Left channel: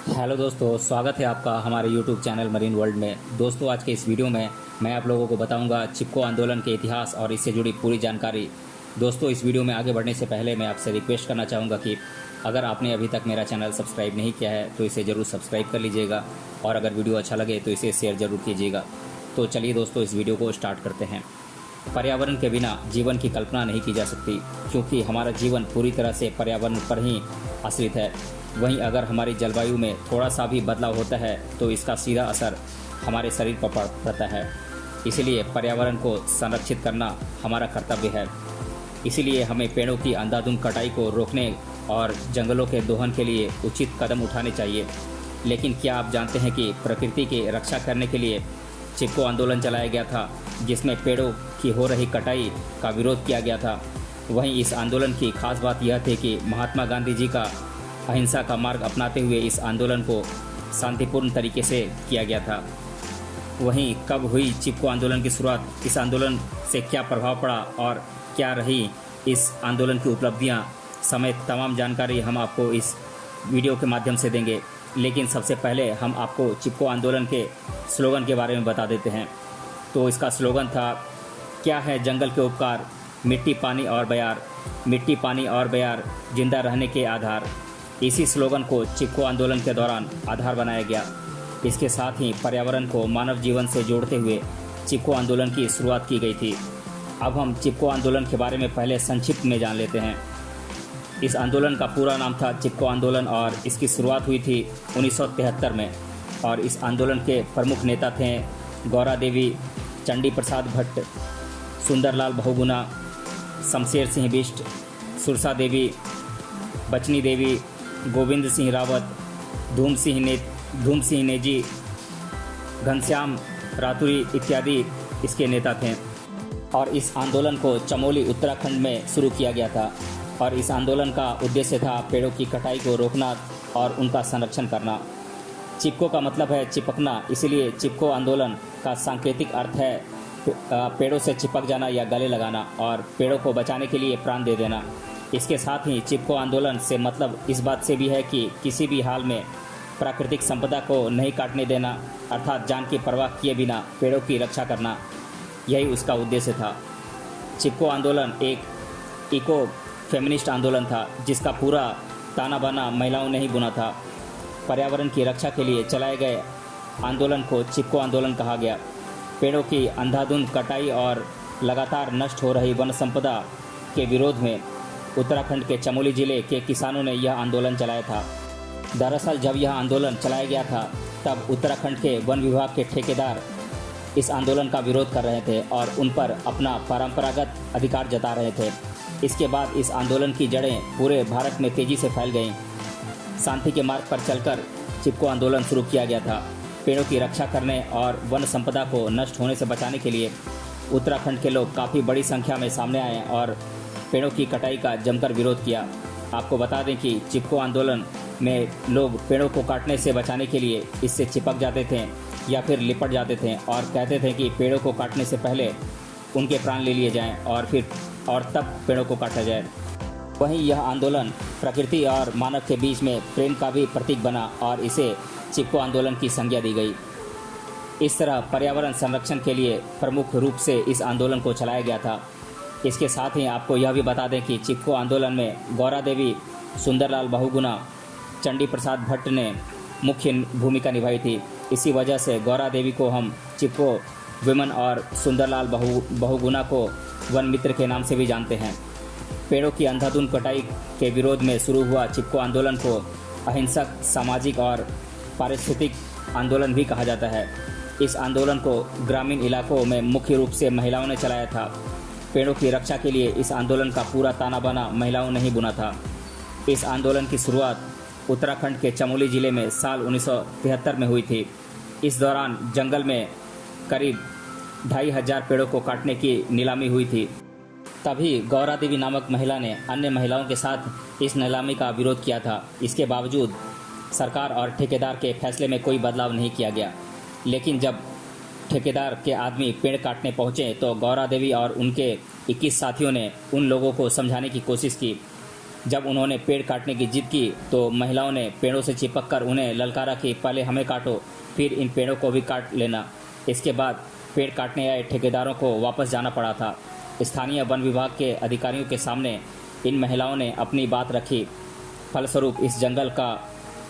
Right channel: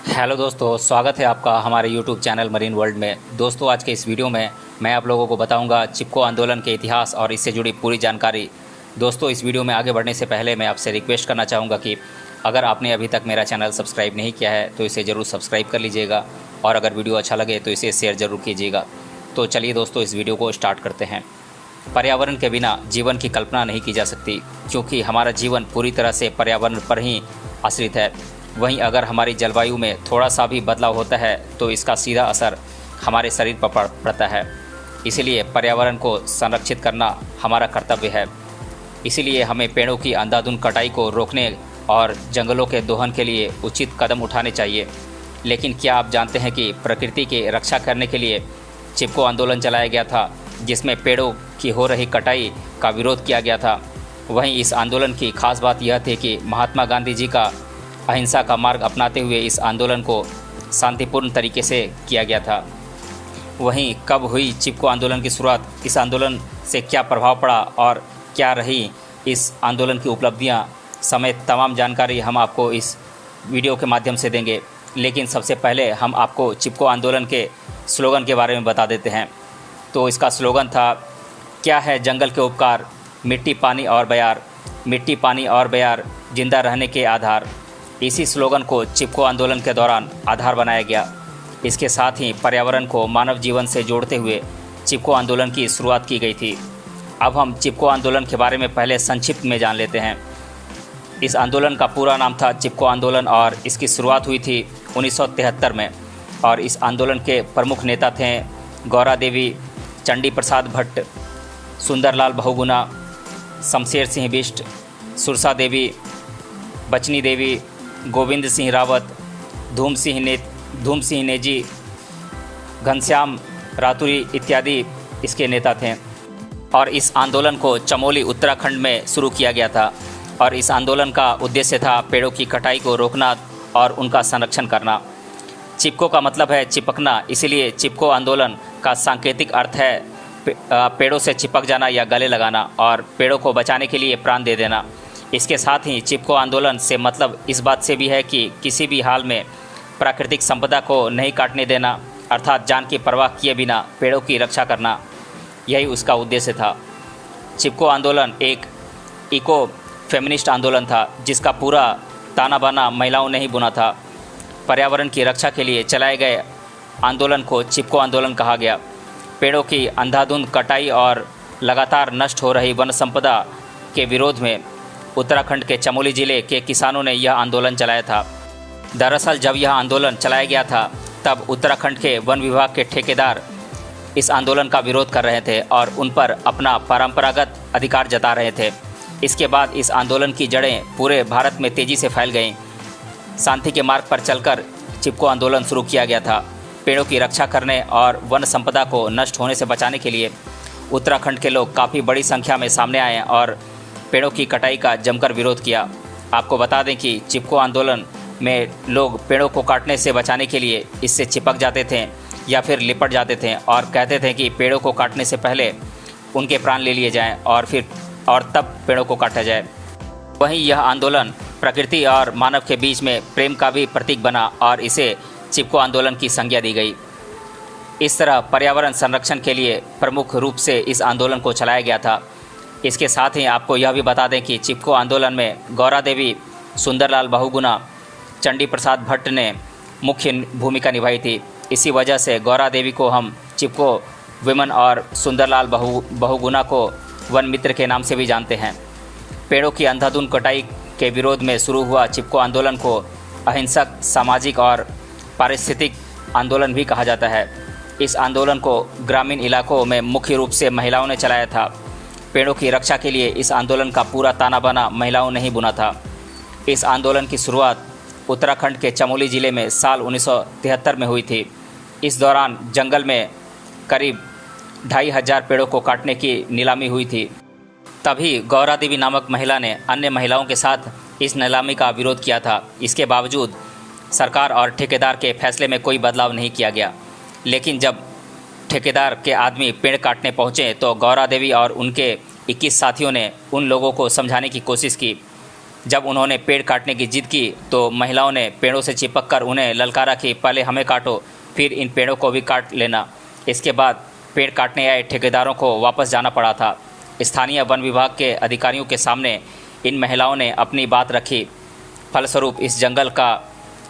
Hello दोस्तों, स्वागत है आपका हमारे यूट्यूब चैनल मरीन वर्ल्ड में। दोस्तों, आज के इस वीडियो में मैं आप लोगों को बताऊंगा चिपको आंदोलन के इतिहास और इससे जुड़ी पूरी जानकारी। दोस्तों, इस वीडियो में आगे बढ़ने से पहले मैं आपसे रिक्वेस्ट करना चाहूँगा कि अगर आपने अभी तक मेरा चैनल सब्सक्राइब नहीं किया है तो इसे ज़रूर सब्सक्राइब कर लीजिएगा और अगर वीडियो अच्छा लगे तो इसे शेयर ज़रूर कीजिएगा। तो चलिए दोस्तों, इस वीडियो को स्टार्ट करते हैं। पर्यावरण के बिना जीवन की कल्पना नहीं की जा सकती, क्योंकि हमारा जीवन पूरी तरह से पर्यावरण पर ही आश्रित है। वहीं अगर हमारी जलवायु में थोड़ा सा भी बदलाव होता है तो इसका सीधा असर हमारे शरीर पर पड़ता है। इसलिए पर्यावरण को संरक्षित करना हमारा कर्तव्य है। इसीलिए हमें पेड़ों की अंधाधुंध कटाई को रोकने और जंगलों के दोहन के लिए उचित कदम उठाने चाहिए। लेकिन क्या आप जानते हैं कि प्रकृति की रक्षा करने के लिए चिपको आंदोलन चलाया गया था, जिसमें पेड़ों की हो रही कटाई का विरोध किया गया था। वहीं इस आंदोलन की खास बात यह थी कि महात्मा गांधी जी का अहिंसा का मार्ग अपनाते हुए इस आंदोलन को शांतिपूर्ण तरीके से किया गया था। वहीं कब हुई चिपको आंदोलन की शुरुआत, इस आंदोलन से क्या प्रभाव पड़ा और क्या रही इस आंदोलन की उपलब्धियां समेत तमाम जानकारी हम आपको इस वीडियो के माध्यम से देंगे। लेकिन सबसे पहले हम आपको चिपको आंदोलन के स्लोगन के बारे में बता देते हैं। तो इसका स्लोगन था, क्या है जंगल के उपकार, मिट्टी पानी और बयार, मिट्टी पानी और बयार, जिंदा रहने के आधार। इसी स्लोगन को चिपको आंदोलन के दौरान आधार बनाया गया। इसके साथ ही पर्यावरण को मानव जीवन से जोड़ते हुए चिपको आंदोलन की शुरुआत की गई थी। अब हम चिपको आंदोलन के बारे में पहले संक्षिप्त में जान लेते हैं। इस आंदोलन का पूरा नाम था चिपको आंदोलन और इसकी शुरुआत हुई थी 1973 में। और इस आंदोलन के प्रमुख नेता थे गौरा देवी, चंडी प्रसाद भट्ट, सुंदरलाल बहुगुणा, शमशेर सिंह बिष्ट, सुरसा देवी, बचनी देवी, गोविंद सिंह रावत, धूम सिंह नेजी, घनश्याम रातुरी इत्यादि इसके नेता थे। और इस आंदोलन को चमोली उत्तराखंड में शुरू किया गया था। और इस आंदोलन का उद्देश्य था पेड़ों की कटाई को रोकना और उनका संरक्षण करना। चिपको का मतलब है चिपकना, इसीलिए चिपको आंदोलन का सांकेतिक अर्थ है पेड़ों से चिपक जाना या गले लगाना और पेड़ों को बचाने के लिए प्राण दे देना। इसके साथ ही चिपको आंदोलन से मतलब इस बात से भी है कि किसी भी हाल में प्राकृतिक संपदा को नहीं काटने देना, अर्थात जान की परवाह किए बिना पेड़ों की रक्षा करना, यही उसका उद्देश्य था। चिपको आंदोलन एक इको फेमिनिस्ट आंदोलन था, जिसका पूरा ताना बाना महिलाओं ने ही बुना था। पर्यावरण की रक्षा के लिए चलाए गए आंदोलन को चिपको आंदोलन कहा गया। पेड़ों की अंधाधुंध कटाई और लगातार नष्ट हो रही वन संपदा के विरोध में उत्तराखंड के चमोली जिले के किसानों ने यह आंदोलन चलाया था। दरअसल जब यह आंदोलन चलाया गया था तब उत्तराखंड के वन विभाग के ठेकेदार इस आंदोलन का विरोध कर रहे थे और उन पर अपना परंपरागत अधिकार जता रहे थे। इसके बाद इस आंदोलन की जड़ें पूरे भारत में तेज़ी से फैल गईं। शांति के मार्ग पर चलकर चिपको आंदोलन शुरू किया गया था। पेड़ों की रक्षा करने और वन संपदा को नष्ट होने से बचाने के लिए उत्तराखंड के लोग काफ़ी बड़ी संख्या में सामने आए और पेड़ों की कटाई का जमकर विरोध किया। आपको बता दें कि चिपको आंदोलन में लोग पेड़ों को काटने से बचाने के लिए इससे चिपक जाते थे या फिर लिपट जाते थे और कहते थे कि पेड़ों को काटने से पहले उनके प्राण ले लिए जाएं और तब पेड़ों को काटा जाए। वहीं यह आंदोलन प्रकृति और मानव के बीच में प्रेम का भी प्रतीक बना और इसे चिपको आंदोलन की संज्ञा दी गई। इस तरह पर्यावरण संरक्षण के लिए प्रमुख रूप से इस आंदोलन को चलाया गया था। इसके साथ ही आपको यह भी बता दें कि चिपको आंदोलन में गौरा देवी, सुंदरलाल बहुगुणा, चंडी प्रसाद भट्ट ने मुख्य भूमिका निभाई थी। इसी वजह से गौरा देवी को हम चिपको विमन और सुंदरलाल बहुगुणा को वन मित्र के नाम से भी जानते हैं। पेड़ों की अंधाधुंध कटाई के विरोध में शुरू हुआ चिपको आंदोलन को अहिंसक, सामाजिक और पारिस्थितिक आंदोलन भी कहा जाता है। इस आंदोलन को ग्रामीण इलाकों में मुख्य रूप से महिलाओं ने चलाया था। पेड़ों की रक्षा के लिए इस आंदोलन का पूरा ताना बाना महिलाओं ने ही बुना था। इस आंदोलन की शुरुआत उत्तराखंड के चमोली जिले में साल 1973 में हुई थी। इस दौरान जंगल में करीब 2500 पेड़ों को काटने की नीलामी हुई थी। तभी गौरा देवी नामक महिला ने अन्य महिलाओं के साथ इस नीलामी का विरोध किया था। इसके बावजूद सरकार और ठेकेदार के फैसले में कोई बदलाव नहीं किया गया। लेकिन जब ठेकेदार के आदमी पेड़ काटने पहुंचे तो गौरा देवी और उनके 21 साथियों ने उन लोगों को समझाने की कोशिश की जब उन्होंने पेड़ काटने की जिद की तो महिलाओं ने पेड़ों से चिपक कर उन्हें ललकारा कि पहले हमें काटो, फिर इन पेड़ों को भी काट लेना। इसके बाद पेड़ काटने आए ठेकेदारों को वापस जाना पड़ा था। स्थानीय वन विभाग के अधिकारियों के सामने इन महिलाओं ने अपनी बात रखी। फलस्वरूप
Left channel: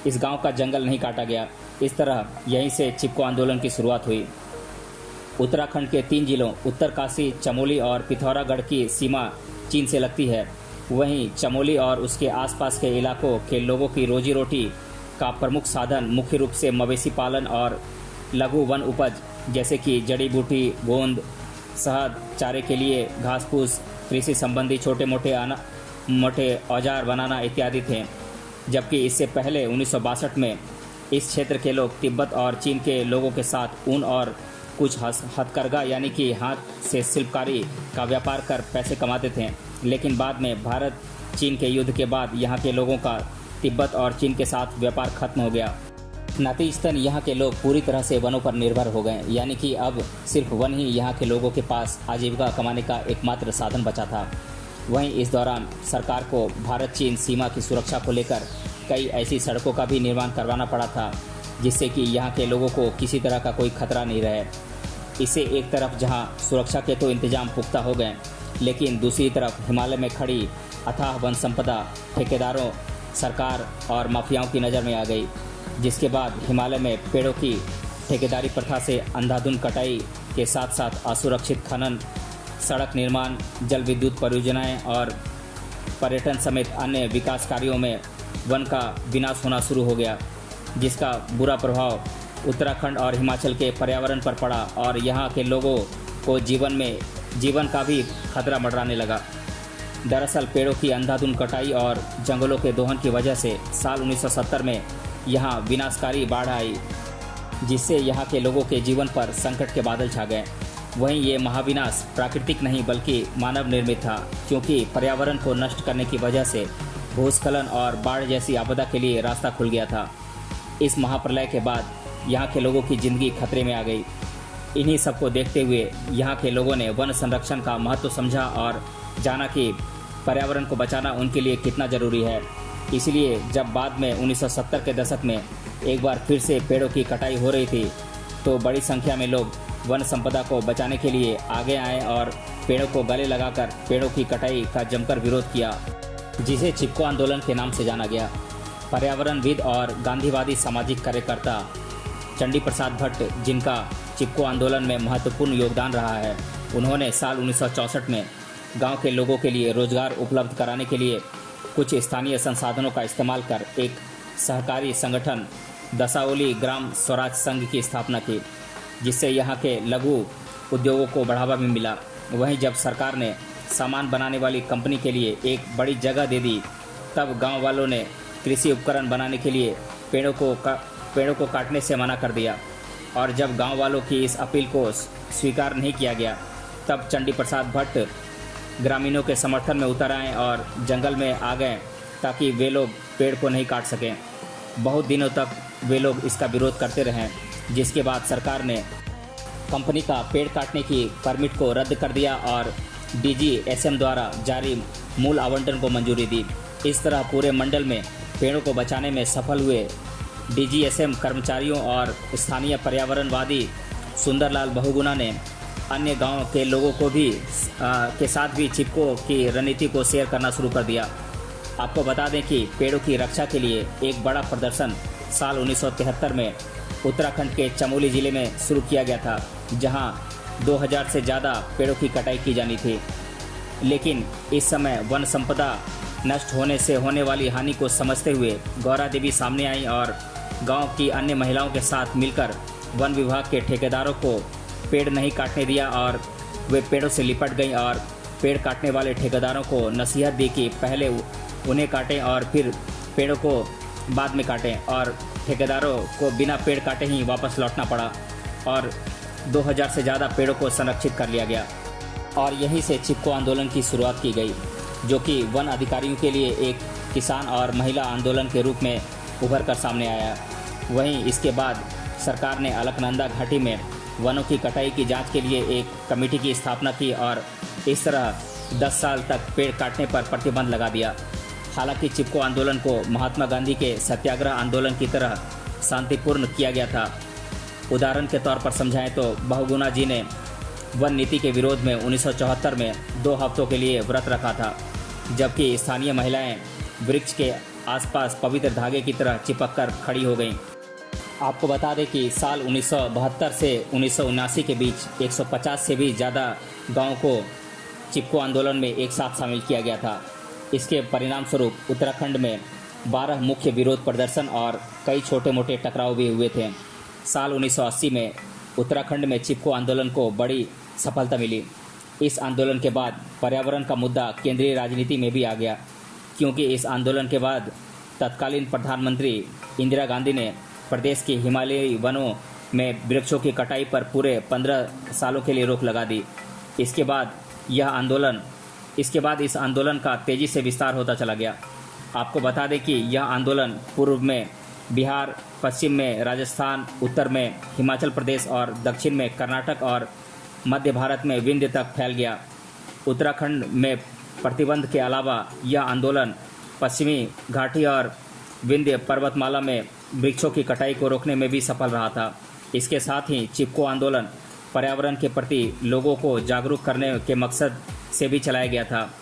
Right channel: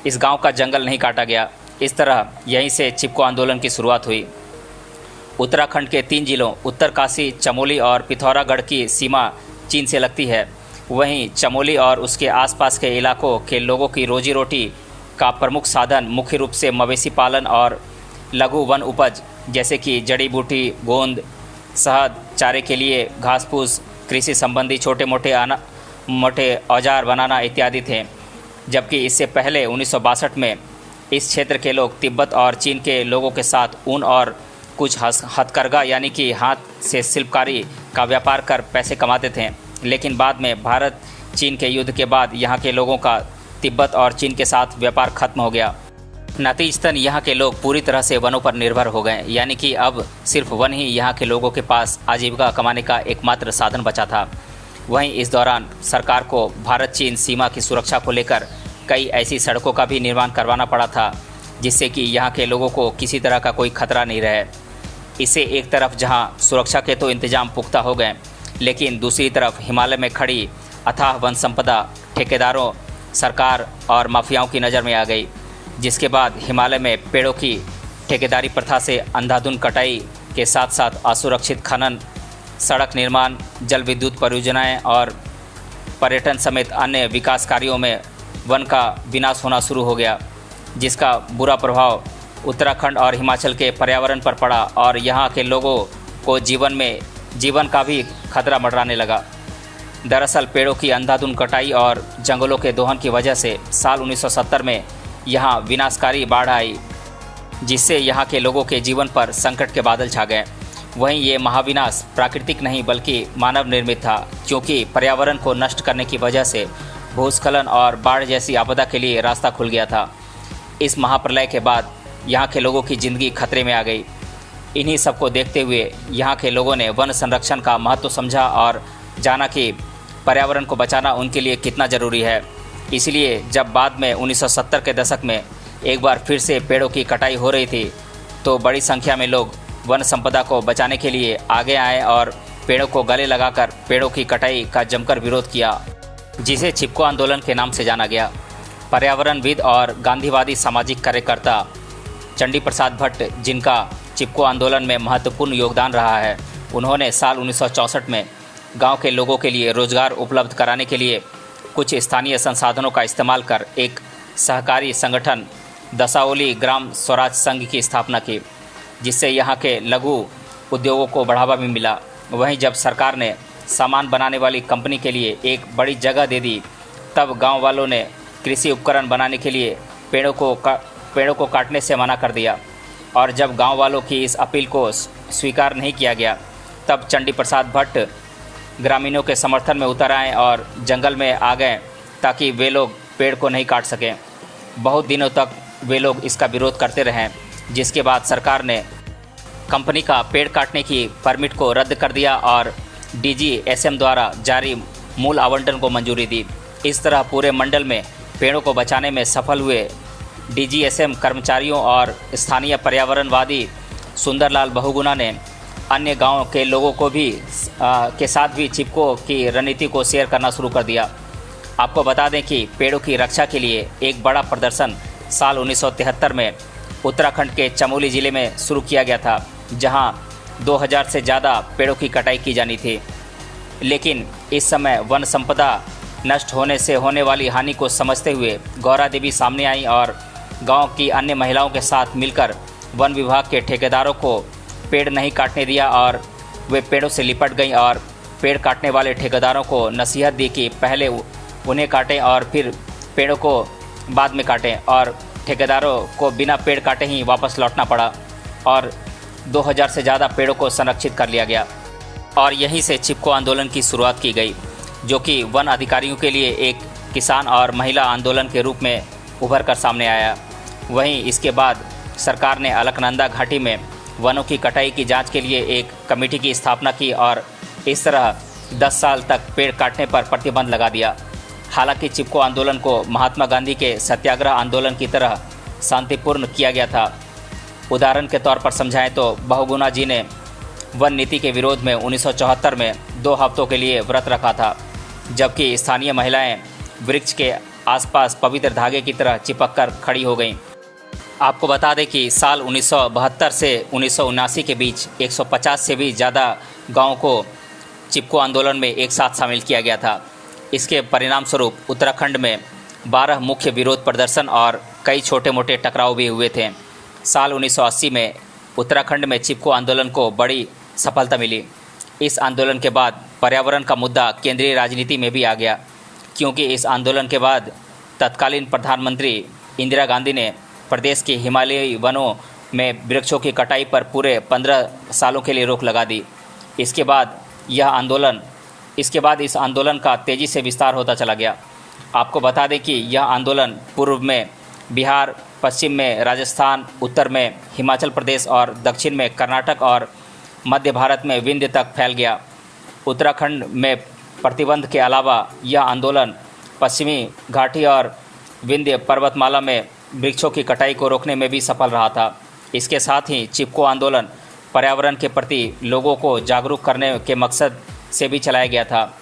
इस गांव का जंगल नहीं काटा गया। इस तरह यहीं से चिपको आंदोलन की शुरुआत हुई। उत्तराखंड के 3 जिलों उत्तरकाशी, चमोली और पिथौरागढ़ की सीमा चीन से लगती है। वहीं चमोली और उसके आसपास के इलाकों के लोगों की रोजी रोटी का प्रमुख साधन मुख्य रूप से मवेशी पालन और लघु वन उपज जैसे कि जड़ी बूटी, गोंद, शहद, चारे के लिए घास फूस, कृषि संबंधी छोटे मोटे औजार बनाना इत्यादि थे। जबकि इससे पहले 1962 में इस क्षेत्र के लोग तिब्बत और चीन के लोगों के साथ ऊन और कुछ हथकरघा यानी कि हाथ से शिल्पकारी का व्यापार कर पैसे कमाते थे। लेकिन बाद में भारत चीन के युद्ध के बाद यहाँ के लोगों का तिब्बत और चीन के साथ व्यापार खत्म हो गया। नतीजतन यहाँ के लोग पूरी तरह से वनों पर निर्भर हो गए, यानी कि अब सिर्फ वन ही यहाँ के लोगों के पास आजीविका कमाने का एकमात्र साधन बचा था। वहीं इस दौरान सरकार को भारत चीन सीमा की सुरक्षा को लेकर कई ऐसी सड़कों का भी निर्माण करवाना पड़ा था जिससे कि यहाँ के लोगों को किसी तरह का कोई खतरा नहीं रहे। इससे एक तरफ जहाँ सुरक्षा के तो इंतजाम पुख्ता हो गए, लेकिन दूसरी तरफ हिमालय में खड़ी अथाह वन संपदा ठेकेदारों, सरकार और माफियाओं की नज़र में आ गई। जिसके बाद हिमालय में पेड़ों की ठेकेदारी प्रथा से अंधाधुंध कटाई के साथ साथ असुरक्षित खनन, सड़क निर्माण, जल विद्युत परियोजनाएं और पर्यटन समेत अन्य विकास कार्यों में वन का विनाश होना शुरू हो गया, जिसका बुरा प्रभाव उत्तराखंड और हिमाचल के पर्यावरण पर पड़ा और यहाँ के लोगों को जीवन का भी खतरा मंडराने लगा। दरअसल पेड़ों की अंधाधुंध कटाई और जंगलों के दोहन की वजह से साल 1970 में यहाँ विनाशकारी बाढ़ आई, जिससे यहाँ के लोगों के जीवन पर संकट के बादल छा गए। वहीं ये महाविनाश प्राकृतिक नहीं बल्कि मानव निर्मित था, क्योंकि पर्यावरण को नष्ट करने की वजह से भूस्खलन और बाढ़ जैसी आपदा के लिए रास्ता खुल गया था। इस महाप्रलय के बाद यहाँ के लोगों की ज़िंदगी खतरे में आ गई। इन्हीं सबको देखते हुए यहाँ के लोगों ने वन संरक्षण का महत्व समझा और जाना कि पर्यावरण को बचाना उनके लिए कितना ज़रूरी है। इसलिए जब बाद में 1970 के दशक में एक बार फिर से पेड़ों की कटाई हो रही थी तो बड़ी संख्या में लोग वन संपदा को बचाने के लिए आगे आए और पेड़ों को गले लगाकर पेड़ों की कटाई का जमकर विरोध किया, जिसे चिपको आंदोलन के नाम से जाना गया। पर्यावरणविद और गांधीवादी सामाजिक कार्यकर्ता चंडी प्रसाद भट्ट, जिनका चिपको आंदोलन में महत्वपूर्ण योगदान रहा है, उन्होंने साल 1964 में गांव के लोगों के लिए रोजगार उपलब्ध कराने के लिए कुछ स्थानीय संसाधनों का इस्तेमाल कर एक सहकारी संगठन दसाओली ग्राम स्वराज संघ की स्थापना की, जिससे यहाँ के लघु उद्योगों को बढ़ावा भी मिला। वहीं जब सरकार ने सामान बनाने वाली कंपनी के लिए एक बड़ी जगह दे दी, तब गांव वालों ने कृषि उपकरण बनाने के लिए पेड़ों को काटने से मना कर दिया। और जब गांव वालों की इस अपील को स्वीकार नहीं किया गया, तब चंडी प्रसाद भट्ट ग्रामीणों के समर्थन में उतर आए और जंगल में आ गए ताकि वे लोग पेड़ को नहीं काट सकें। बहुत दिनों तक वे लोग इसका विरोध करते रहे, जिसके बाद सरकार ने कंपनी का पेड़ काटने की परमिट को रद्द कर दिया और DGSM द्वारा जारी मूल आवंटन को मंजूरी दी। इस तरह पूरे मंडल में पेड़ों को बचाने में सफल हुए DGSM कर्मचारियों और स्थानीय पर्यावरणवादी सुंदरलाल बहुगुणा ने अन्य गांव के लोगों को भी के साथ भी चिपको की रणनीति को शेयर करना शुरू कर दिया। आपको बता दें कि पेड़ों की रक्षा के लिए एक बड़ा प्रदर्शन साल 1973 में उत्तराखंड के चमोली ज़िले में शुरू किया गया था, जहां 2000 से ज़्यादा पेड़ों की कटाई की जानी थी। लेकिन इस समय वन संपदा नष्ट होने से होने वाली हानि को समझते हुए गौरा देवी सामने आई और गांव की अन्य महिलाओं के साथ मिलकर वन विभाग के ठेकेदारों को पेड़ नहीं काटने दिया और वे पेड़ों से लिपट गईं और पेड़ काटने वाले ठेकेदारों को नसीहत दी कि पहले उन्हें काटें और फिर पेड़ों को बाद में काटें, और ठेकेदारों को बिना पेड़ काटे ही वापस लौटना पड़ा और 2000 से ज़्यादा पेड़ों को संरक्षित कर लिया गया। और यहीं से चिपको आंदोलन की शुरुआत की गई, जो कि वन अधिकारियों के लिए एक किसान और महिला आंदोलन के रूप में उभर कर सामने आया। वहीं इसके बाद सरकार ने अलकनंदा घाटी में वनों की कटाई की जांच के लिए एक कमेटी की स्थापना की और इस तरह 10 साल तक पेड़ काटने पर प्रतिबंध लगा दिया। हालांकि चिपको आंदोलन को महात्मा गांधी के सत्याग्रह आंदोलन की तरह शांतिपूर्ण किया गया था। उदाहरण के तौर पर समझाएं तो बहुगुणा जी ने वन नीति के विरोध में 1974 में 2 हफ्तों के लिए व्रत रखा था, जबकि स्थानीय महिलाएं वृक्ष के आसपास पवित्र धागे की तरह चिपक कर खड़ी हो गईं। आपको बता दें कि साल 1972 से 1979 के बीच 150 से भी ज़्यादा गाँवों को चिपको आंदोलन में एक साथ शामिल किया गया था। इसके परिणाम स्वरूप उत्तराखंड में 12 मुख्य विरोध प्रदर्शन और कई छोटे मोटे टकराव भी हुए थे। साल 1980 में उत्तराखंड में चिपको आंदोलन को बड़ी सफलता मिली। इस आंदोलन के बाद पर्यावरण का मुद्दा केंद्रीय राजनीति में भी आ गया, क्योंकि इस आंदोलन के बाद तत्कालीन प्रधानमंत्री इंदिरा गांधी ने प्रदेश के हिमालयी वनों में वृक्षों की कटाई पर पूरे 15 सालों के लिए रोक लगा दी। इसके बाद इस आंदोलन का तेज़ी से विस्तार होता चला गया। आपको बता दें कि यह आंदोलन पूर्व में बिहार, पश्चिम में राजस्थान, उत्तर में हिमाचल प्रदेश और दक्षिण में कर्नाटक और मध्य भारत में विंध्य तक फैल गया। उत्तराखंड में प्रतिबंध के अलावा यह आंदोलन पश्चिमी घाटी और विंध्य पर्वतमाला में वृक्षों की कटाई को रोकने में भी सफल रहा था। इसके साथ ही चिपको आंदोलन पर्यावरण के प्रति लोगों को जागरूक करने के मकसद से भी चलाया गया था।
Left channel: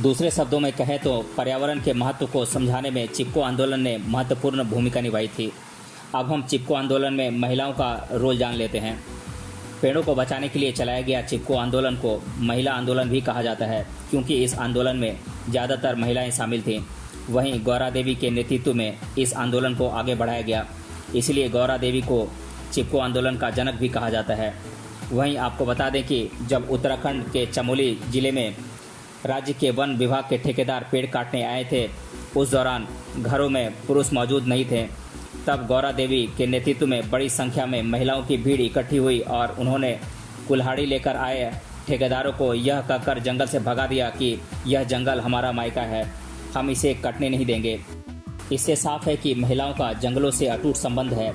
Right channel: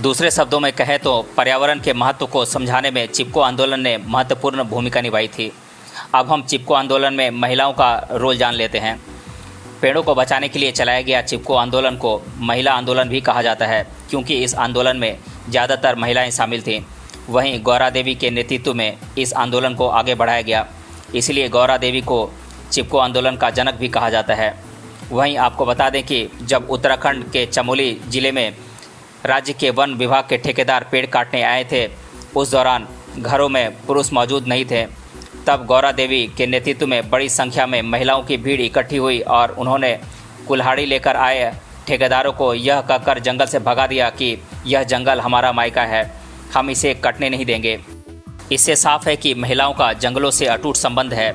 दूसरे शब्दों में कहें तो पर्यावरण के महत्व को समझाने में चिपको आंदोलन ने महत्वपूर्ण भूमिका निभाई थी। अब हम चिपको आंदोलन में महिलाओं का रोल जान लेते हैं। पेड़ों को बचाने के लिए चलाया गया चिपको आंदोलन को महिला आंदोलन भी कहा जाता है, क्योंकि इस आंदोलन में ज़्यादातर महिलाएं शामिल थीं। वहीं गौरा देवी के नेतृत्व में इस आंदोलन को आगे बढ़ाया गया, इसलिए गौरा देवी को चिपको आंदोलन का जनक भी कहा जाता है। वहीं आपको बता दें कि जब उत्तराखंड के चमोली ज़िले में राज्य के वन विभाग के ठेकेदार पेड़ काटने आए थे, उस दौरान घरों में पुरुष मौजूद नहीं थे। तब गौरा देवी के नेतृत्व में बड़ी संख्या में महिलाओं की भीड़ इकट्ठी हुई और उन्होंने कुल्हाड़ी लेकर आए ठेकेदारों को यह कहकर जंगल से भगा दिया कि यह जंगल हमारा मायका है, हम इसे कटने नहीं देंगे। इससे साफ है कि महिलाओं का जंगलों से अटूट संबंध है।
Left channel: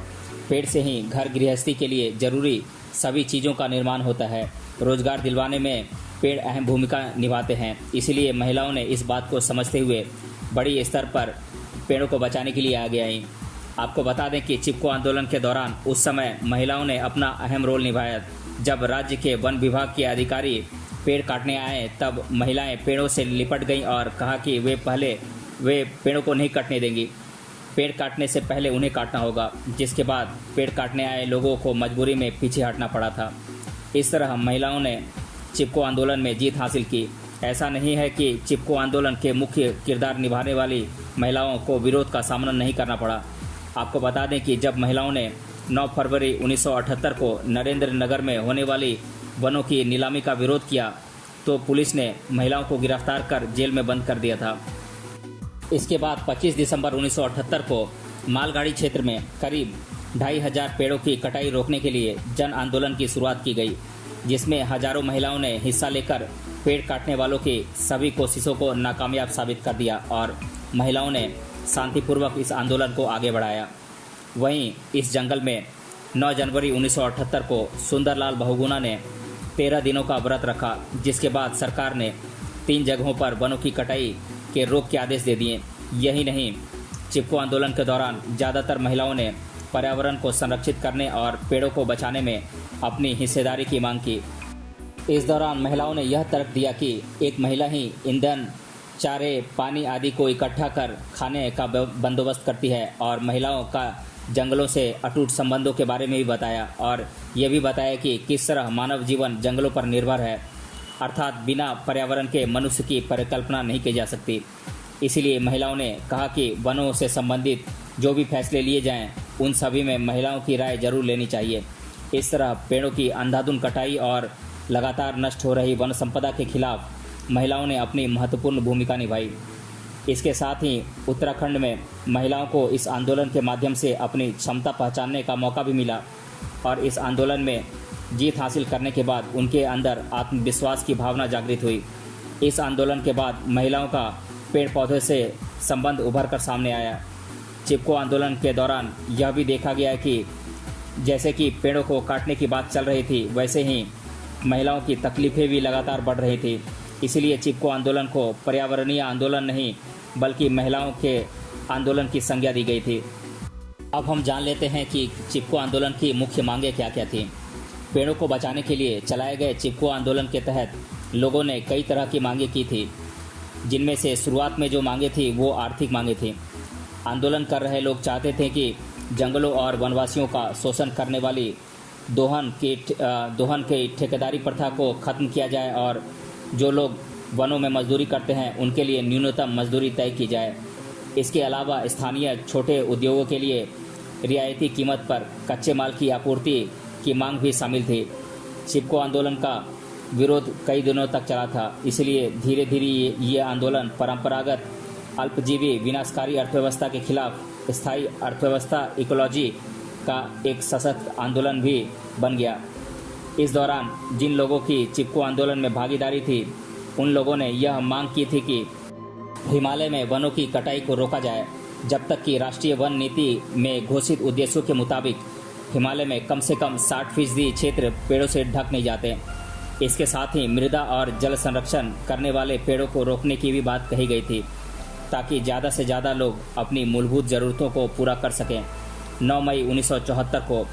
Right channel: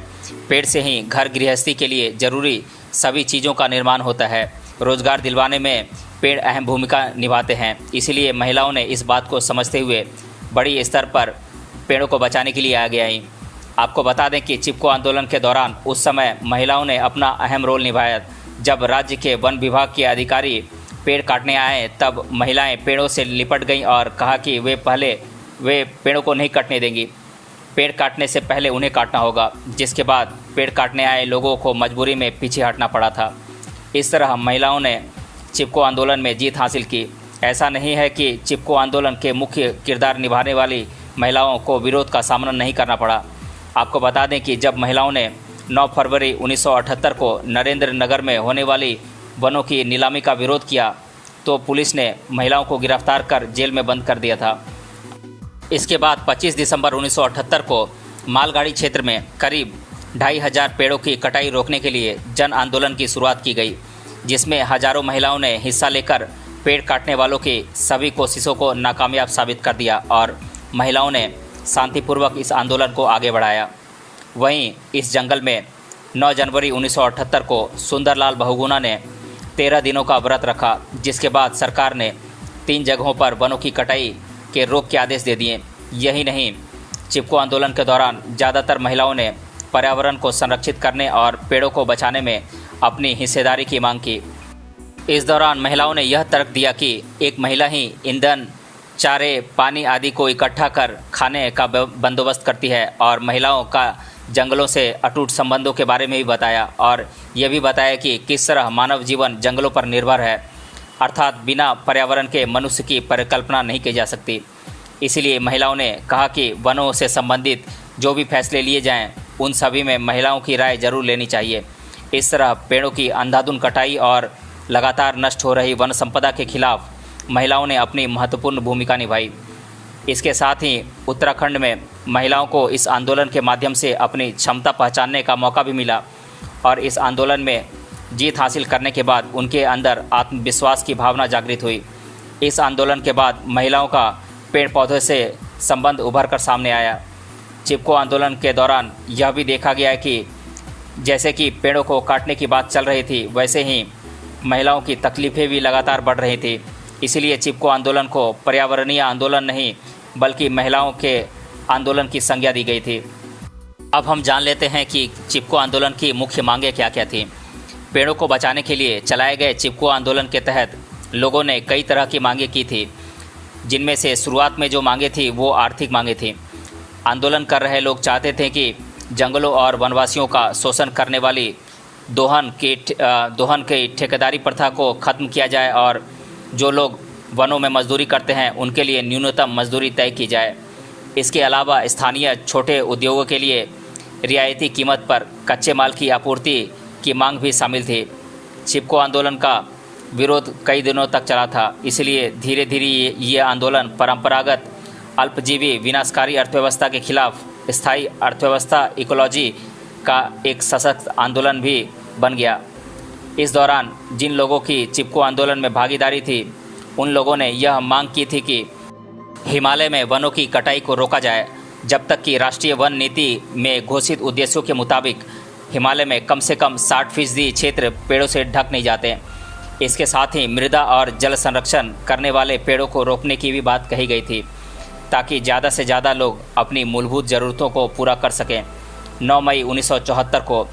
पेड़ से ही घर गृहस्थी के लिए जरूरी सभी चीज़ों का निर्माण होता है। रोजगार दिलवाने में पेड़ अहम भूमिका निभाते हैं। इसलिए महिलाओं ने इस बात को समझते हुए बड़ी स्तर पर पेड़ों को बचाने के लिए आगे आईं। आपको बता दें कि चिपको आंदोलन के दौरान उस समय महिलाओं ने अपना अहम रोल निभाया। जब राज्य के वन विभाग के अधिकारी पेड़ काटने आए, तब महिलाएं पेड़ों से लिपट गईं और कहा कि वे पेड़ों को नहीं कटने देंगी। पेड़ काटने से पहले उन्हें काटना होगा, जिसके बाद पेड़ काटने आए लोगों को मजबूरी में पीछे हटना पड़ा था। इस तरह महिलाओं ने चिपको आंदोलन में जीत हासिल की। ऐसा नहीं है कि चिपको आंदोलन के मुख्य किरदार निभाने वाली महिलाओं को विरोध का सामना नहीं करना पड़ा। आपको बता दें कि जब महिलाओं ने 9 फरवरी 1978 को नरेंद्र नगर में होने वाली वनों की नीलामी का विरोध किया, तो पुलिस ने महिलाओं को गिरफ्तार कर जेल में बंद कर दिया था। इसके बाद 25 दिसंबर 1978 को मालगाड़ी क्षेत्र में करीब 2500 पेड़ों की कटाई रोकने के लिए जन आंदोलन की शुरुआत की गई, जिसमें हजारों महिलाओं ने हिस्सा लेकर पेड़ काटने वालों की सभी कोशिशों को नाकामयाब साबित कर दिया और महिलाओं ने शांतिपूर्वक इस आंदोलन को आगे बढ़ाया। वहीं इस जंगल में 9 जनवरी 1978 को सुंदरलाल बहुगुणा ने 13 दिनों का व्रत रखा, जिसके बाद सरकार ने 3 जगहों पर वनों की कटाई के रोक के आदेश दे दिए। यही नहीं, चिपको आंदोलन के दौरान ज़्यादातर महिलाओं ने पर्यावरण को संरक्षित करने और पेड़ों को बचाने में अपनी हिस्सेदारी की मांग की। इस दौरान महिलाओं ने यह तर्क दिया कि एक महिला ही ईंधन, चारे, पानी आदि को इकट्ठा कर खाने का बंदोबस्त करती है, और महिलाओं का जंगलों से अटूट संबंधों के बारे में भी बताया और यह भी बताया कि किस तरह मानव जीवन जंगलों पर निर्भर है, अर्थात बिना पर्यावरण के मनुष्य की परिकल्पना नहीं की जा सकती। इसीलिए महिलाओं ने कहा कि वनों से संबंधित जो भी फैसले लिए जाएं, उन सभी में महिलाओं की राय जरूर लेनी चाहिए। इस तरह पेड़ों की अंधाधुंध कटाई और लगातार नष्ट हो रही वन संपदा के खिलाफ महिलाओं ने अपनी महत्वपूर्ण भूमिका निभाई। इसके साथ ही उत्तराखंड में महिलाओं को इस आंदोलन के माध्यम से अपनी क्षमता पहचानने का मौका भी मिला और इस आंदोलन में जीत हासिल करने के बाद उनके अंदर आत्मविश्वास की भावना जागृत हुई। इस आंदोलन के बाद महिलाओं का पेड़ पौधे से संबंध उभर कर सामने आया। चिपको आंदोलन के दौरान यह भी देखा गया कि जैसे कि पेड़ों को काटने की बात चल रही थी, वैसे ही महिलाओं की तकलीफ़ें भी लगातार बढ़ रही थी। इसलिए चिपको आंदोलन को पर्यावरणीय आंदोलन नहीं बल्कि महिलाओं के आंदोलन की संज्ञा दी गई थी। अब हम जान लेते हैं कि चिपको आंदोलन की मुख्य मांगें क्या क्या थीं। पेड़ों को बचाने के लिए चलाए गए चिपको आंदोलन के तहत लोगों ने कई तरह की मांगें की थी, जिनमें से शुरुआत में जो मांगें थी वो आर्थिक मांगें थीं। आंदोलन कर रहे लोग चाहते थे कि जंगलों और वनवासियों का शोषण करने वाली दोहन की ठेकेदारी प्रथा को ख़त्म किया जाए और जो लोग वनों में मजदूरी करते हैं उनके लिए न्यूनतम मजदूरी तय की जाए। इसके अलावा स्थानीय छोटे उद्योगों के लिए रियायती कीमत पर कच्चे माल की आपूर्ति की मांग भी शामिल थी। चिपको आंदोलन का विरोध कई दिनों तक चला था, इसलिए धीरे धीरे ये आंदोलन परंपरागत अल्पजीवी विनाशकारी अर्थव्यवस्था के खिलाफ स्थायी अर्थव्यवस्था इकोलॉजी का एक सशक्त आंदोलन भी बन गया। इस दौरान जिन लोगों की चिपको आंदोलन में भागीदारी थी, उन लोगों ने यह मांग की थी कि हिमालय में वनों की कटाई को रोका जाए जब तक कि राष्ट्रीय वन नीति में घोषित उद्देश्यों के मुताबिक हिमालय में कम से कम 60% क्षेत्र पेड़ों से ढक नहीं जाते। इसके साथ ही मृदा और जल संरक्षण करने वाले पेड़ों को रोकने की भी बात कही गई थी, ताकि ज़्यादा से ज़्यादा लोग अपनी मूलभूत ज़रूरतों को पूरा कर सकें। 9 मई 1974 को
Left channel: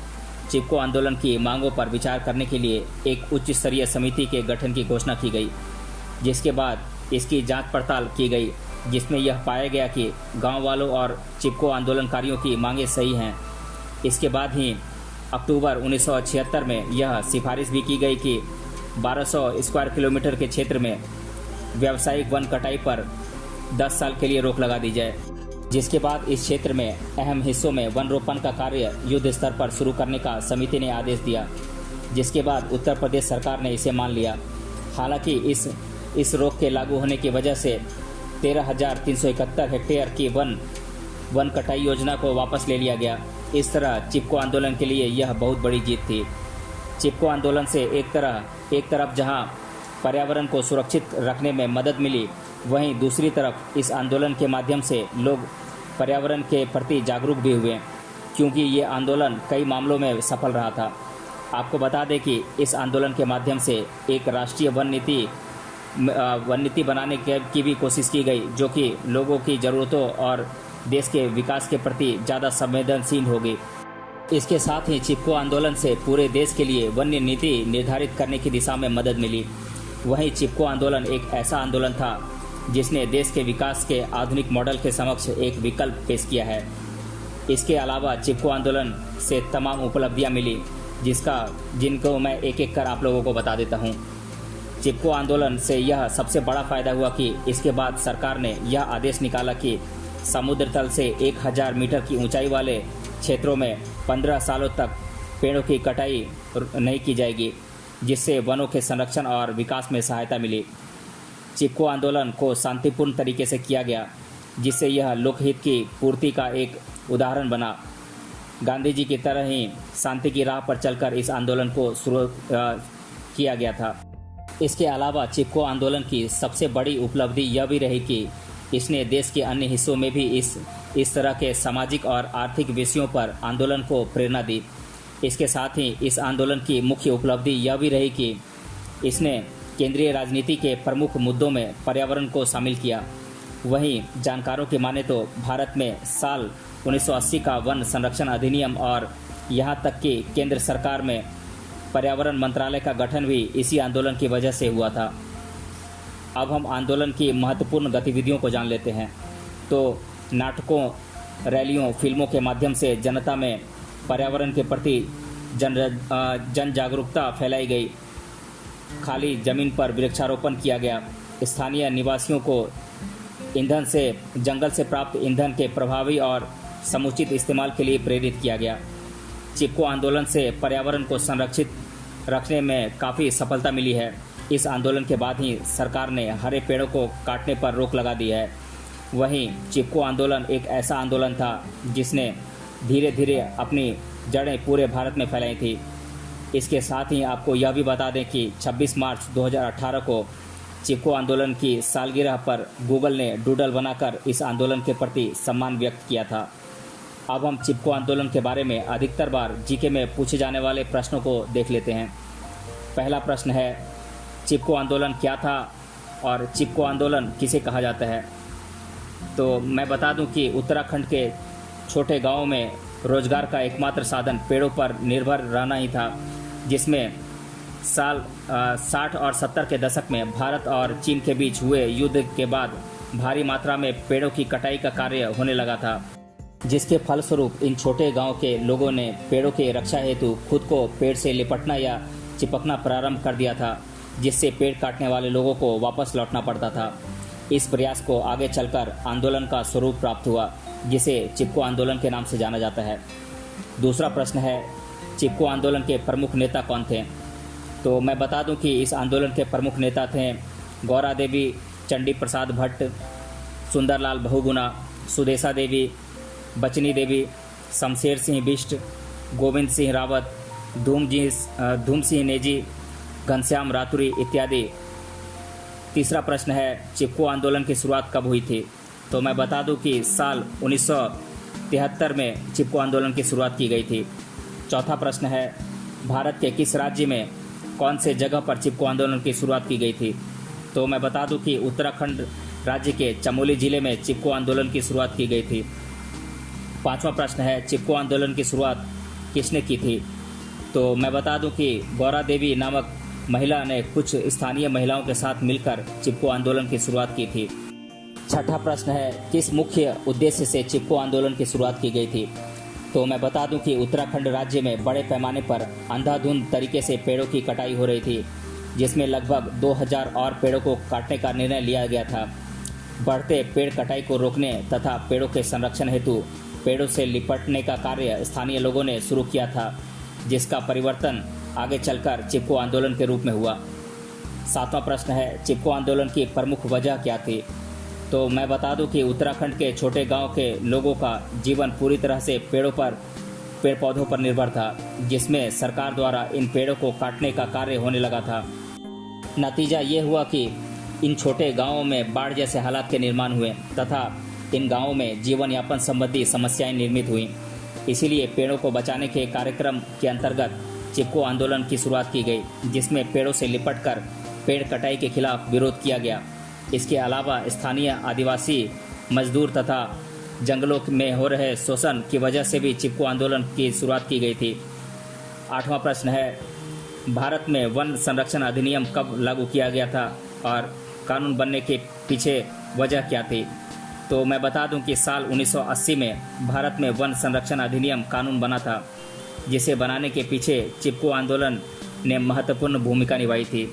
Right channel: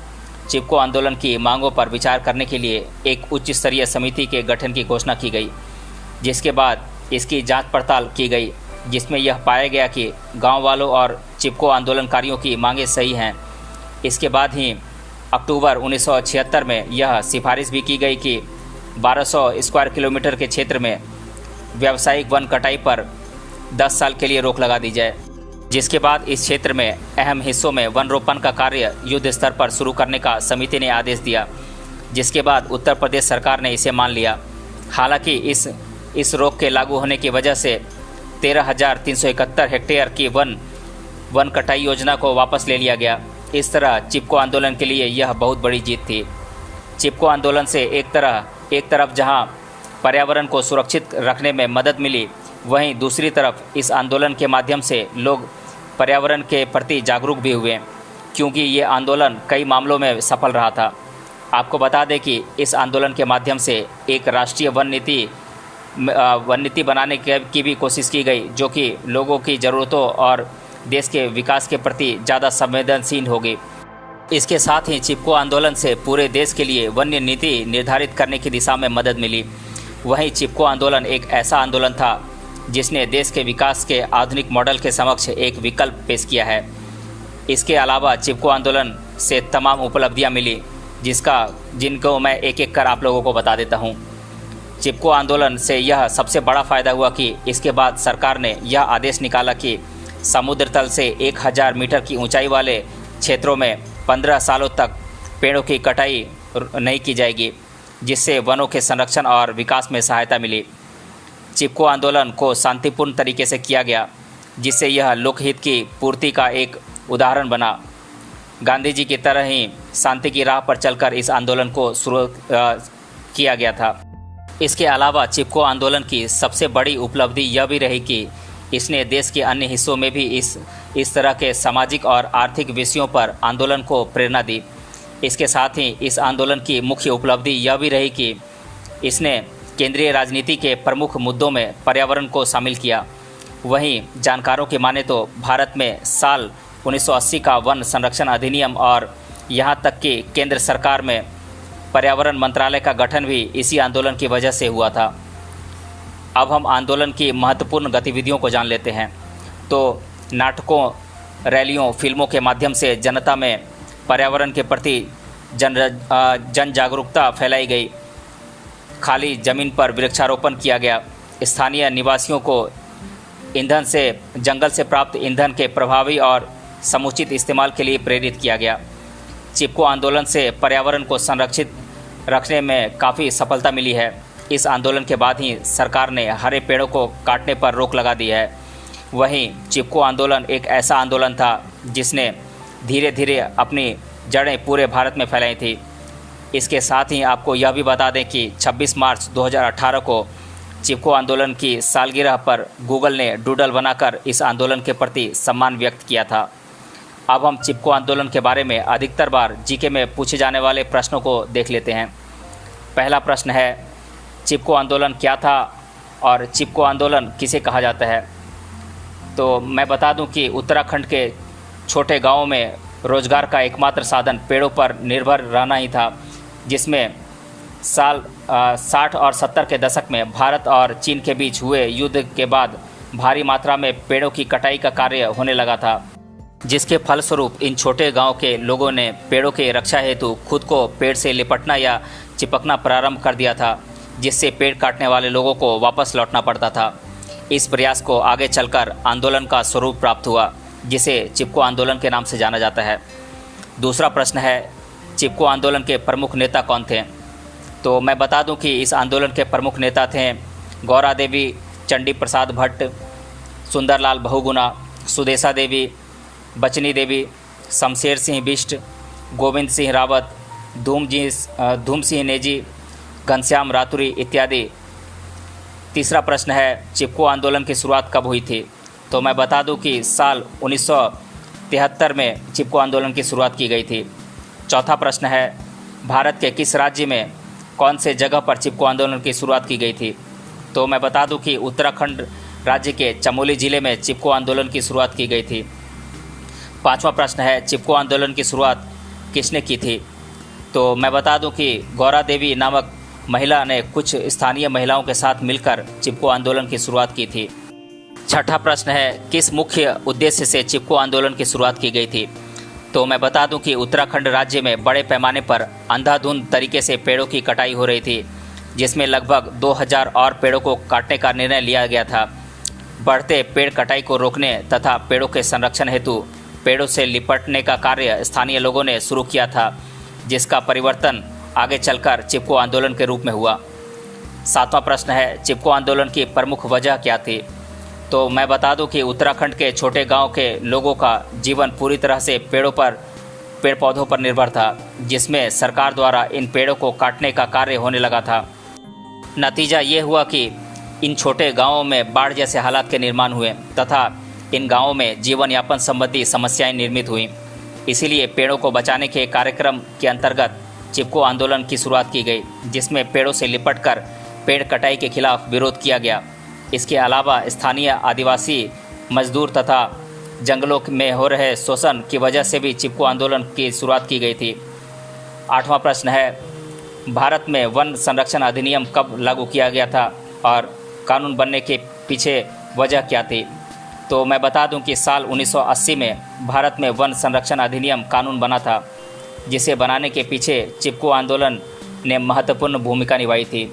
चिपको आंदोलन की मांगों पर विचार करने के लिए एक उच्च स्तरीय समिति के गठन की घोषणा की गई, जिसके बाद इसकी जांच पड़ताल की गई, जिसमें यह पाया गया कि गांव वालों और चिपको आंदोलनकारियों की मांगें सही हैं। इसके बाद ही अक्टूबर 1976 में यह सिफारिश भी की गई कि 1200 स्क्वायर किलोमीटर के क्षेत्र में व्यावसायिक वन कटाई पर 10 साल के लिए रोक लगा दी जाए, जिसके बाद इस क्षेत्र में अहम हिस्सों में वन रोपण का कार्य युद्ध स्तर पर शुरू करने का समिति ने आदेश दिया, जिसके बाद उत्तर प्रदेश सरकार ने इसे मान लिया। हालांकि इस रोक के लागू होने की वजह से 13,371 हेक्टेयर की वन कटाई योजना को वापस ले लिया गया। इस तरह चिपको आंदोलन के लिए यह बहुत बड़ी जीत थी। चिपको आंदोलन से एक तरफ जहां पर्यावरण को सुरक्षित रखने में मदद मिली, वहीं दूसरी तरफ इस आंदोलन के माध्यम से लोग पर्यावरण के प्रति जागरूक भी हुए, क्योंकि ये आंदोलन कई मामलों में सफल रहा था। आपको बता दें कि इस आंदोलन के माध्यम से एक राष्ट्रीय वन नीति बनाने की भी कोशिश की गई, जो कि लोगों की ज़रूरतों और देश के विकास के प्रति ज़्यादा संवेदनशील होगी। इसके साथ ही चिपको आंदोलन से पूरे देश के लिए वन्य नीति निर्धारित करने की दिशा में मदद मिली। वहीं चिपको आंदोलन एक ऐसा आंदोलन था जिसने देश के विकास के आधुनिक मॉडल के समक्ष एक विकल्प पेश किया है। इसके अलावा चिपको आंदोलन से तमाम उपलब्धियां मिली, जिनको मैं एक एक कर आप लोगों को बता देता हूं। चिपको आंदोलन से यह सबसे बड़ा फ़ायदा हुआ कि इसके बाद सरकार ने यह आदेश निकाला कि समुद्र तल से 1000 मीटर की ऊंचाई वाले क्षेत्रों में 15 सालों तक पेड़ों की कटाई नहीं की जाएगी, जिससे वनों के संरक्षण और विकास में सहायता मिली। चिपको आंदोलन को शांतिपूर्ण तरीके से किया गया, जिससे यह लोकहित की पूर्ति का एक उदाहरण बना। गांधी जी की तरह ही शांति की राह पर चलकर इस आंदोलन को शुरू किया गया था। इसके अलावा चिपको आंदोलन की सबसे बड़ी उपलब्धि यह भी रही कि इसने देश के अन्य हिस्सों में भी इस तरह के सामाजिक और आर्थिक विषयों पर आंदोलन को प्रेरणा दी। इसके साथ ही इस आंदोलन की मुख्य उपलब्धि यह भी रही कि इसने केंद्रीय राजनीति के प्रमुख मुद्दों में पर्यावरण को शामिल किया। वहीं जानकारों की माने तो भारत में साल 1980 का वन संरक्षण अधिनियम और यहाँ तक कि केंद्र सरकार में पर्यावरण मंत्रालय का गठन भी इसी आंदोलन की वजह से हुआ था। अब हम आंदोलन की महत्वपूर्ण गतिविधियों को जान लेते हैं। तो नाटकों, रैलियों, फिल्मों के माध्यम से जनता में पर्यावरण के प्रति जन जागरूकता फैलाई गई। खाली ज़मीन पर वृक्षारोपण किया गया। स्थानीय निवासियों को जंगल से प्राप्त ईंधन के प्रभावी और समुचित इस्तेमाल के लिए प्रेरित किया गया। चिपको आंदोलन से पर्यावरण को संरक्षित रखने में काफ़ी सफलता मिली है। इस आंदोलन के बाद ही सरकार ने हरे पेड़ों को काटने पर रोक लगा दी है। वहीं चिपको आंदोलन एक ऐसा आंदोलन था जिसने धीरे धीरे अपनी जड़ें पूरे भारत में फैलाई थी। इसके साथ ही आपको यह भी बता दें कि 26 मार्च 2018 को चिपको आंदोलन की सालगिरह पर गूगल ने डूडल बनाकर इस आंदोलन के प्रति सम्मान व्यक्त किया था। अब हम चिपको आंदोलन के बारे में अधिकतर बार जीके में पूछे जाने वाले प्रश्नों को देख लेते हैं। पहला प्रश्न है, चिपको आंदोलन क्या था और चिपको आंदोलन किसे कहा जाता है? तो मैं बता दूं कि उत्तराखंड के छोटे गांवों में रोजगार का एकमात्र साधन पेड़ों पर निर्भर रहना ही था, जिसमें साल 60 और 70 के दशक में भारत और चीन के बीच हुए युद्ध के बाद भारी मात्रा में पेड़ों की कटाई का कार्य होने लगा था, जिसके फलस्वरूप इन छोटे गांव के लोगों ने पेड़ों के रक्षा हेतु खुद को पेड़ से लिपटना या चिपकना प्रारंभ कर दिया था, जिससे पेड़ काटने वाले लोगों को वापस लौटना पड़ता था। इस प्रयास को आगे चलकर आंदोलन का स्वरूप प्राप्त हुआ, जिसे चिपको आंदोलन के नाम से जाना जाता है। दूसरा प्रश्न है, चिपको आंदोलन के प्रमुख नेता कौन थे? तो मैं बता दूं कि इस आंदोलन के प्रमुख नेता थे गौरा देवी, चंडी प्रसाद भट्ट, सुंदरलाल बहुगुणा, सुदेशा देवी, बचनी देवी, शमशेर सिंह बिष्ट, गोविंद सिंह रावत, धूम सिंह नेजी, घनश्याम रातुरी इत्यादि। तीसरा प्रश्न है, चिपको आंदोलन की शुरुआत कब हुई थी? तो मैं बता दूं कि साल 1973 में चिपको आंदोलन की शुरुआत की गई थी। चौथा प्रश्न है, भारत के किस राज्य में कौन से जगह पर चिपको आंदोलन की शुरुआत की गई थी? तो मैं बता दूं कि उत्तराखंड राज्य के चमोली जिले में चिपको आंदोलन की शुरुआत की गई थी। पांचवा प्रश्न है, चिपको आंदोलन की शुरुआत किसने की थी? तो मैं बता दूं कि गौरा देवी नामक महिला ने कुछ स्थानीय महिलाओं के साथ मिलकर चिपको आंदोलन की शुरुआत की थी। छठा प्रश्न है, किस मुख्य उद्देश्य से चिपको आंदोलन की शुरुआत की गई थी? तो मैं बता दूं कि उत्तराखंड राज्य में बड़े पैमाने पर अंधाधुंध तरीके से पेड़ों की कटाई हो रही थी, जिसमें लगभग 2000 और पेड़ों को काटने का निर्णय लिया गया था। बढ़ते पेड़ कटाई को रोकने तथा पेड़ों के संरक्षण हेतु पेड़ों से लिपटने का कार्य स्थानीय लोगों ने शुरू किया था, जिसका परिवर्तन आगे चलकर चिपको आंदोलन के रूप में हुआ। सातवां प्रश्न है, चिपको आंदोलन की प्रमुख वजह क्या थी? तो मैं बता दूं कि उत्तराखंड के छोटे गांव के लोगों का जीवन पूरी तरह से पेड़ पौधों पर निर्भर था, जिसमें सरकार द्वारा इन पेड़ों को काटने का कार्य होने लगा था। नतीजा ये हुआ कि इन छोटे गांवों में बाढ़ जैसे हालात के निर्माण हुए तथा इन गांवों में जीवन यापन संबंधी समस्याएं निर्मित हुई। इसीलिए पेड़ों को बचाने के कार्यक्रम के अंतर्गत चिपको आंदोलन की शुरुआत की गई, जिसमें पेड़ों से लिपटकर पेड़ कटाई के खिलाफ विरोध किया गया। इसके अलावा स्थानीय आदिवासी मजदूर तथा जंगलों में हो रहे शोषण की वजह से भी चिपको आंदोलन की शुरुआत की गई थी। आठवां प्रश्न है, भारत में वन संरक्षण अधिनियम कब लागू किया गया था और कानून बनने के पीछे वजह क्या थी? तो मैं बता दूं कि साल 1980 में भारत में वन संरक्षण अधिनियम कानून बना था, जिसे बनाने के पीछे चिपको आंदोलन ने महत्वपूर्ण भूमिका निभाई थी।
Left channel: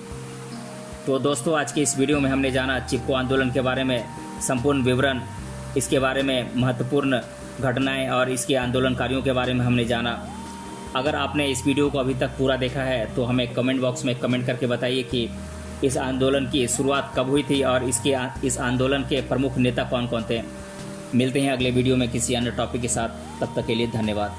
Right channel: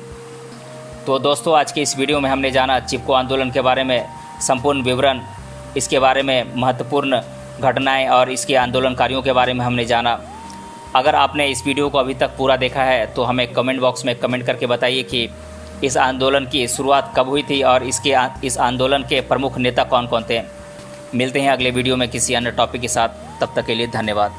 तो दोस्तों, आज की इस वीडियो में हमने जाना चिपको आंदोलन के बारे में संपूर्ण विवरण, इसके बारे में महत्वपूर्ण घटनाएं और इसके आंदोलनकारियों के बारे में हमने जाना। अगर आपने इस वीडियो को अभी तक पूरा देखा है तो हमें कमेंट बॉक्स में कमेंट करके बताइए कि इस आंदोलन की शुरुआत कब हुई थी और इस आंदोलन के प्रमुख नेता कौन कौन थे। मिलते हैं अगले वीडियो में किसी अन्य टॉपिक के साथ, तब तक के लिए धन्यवाद।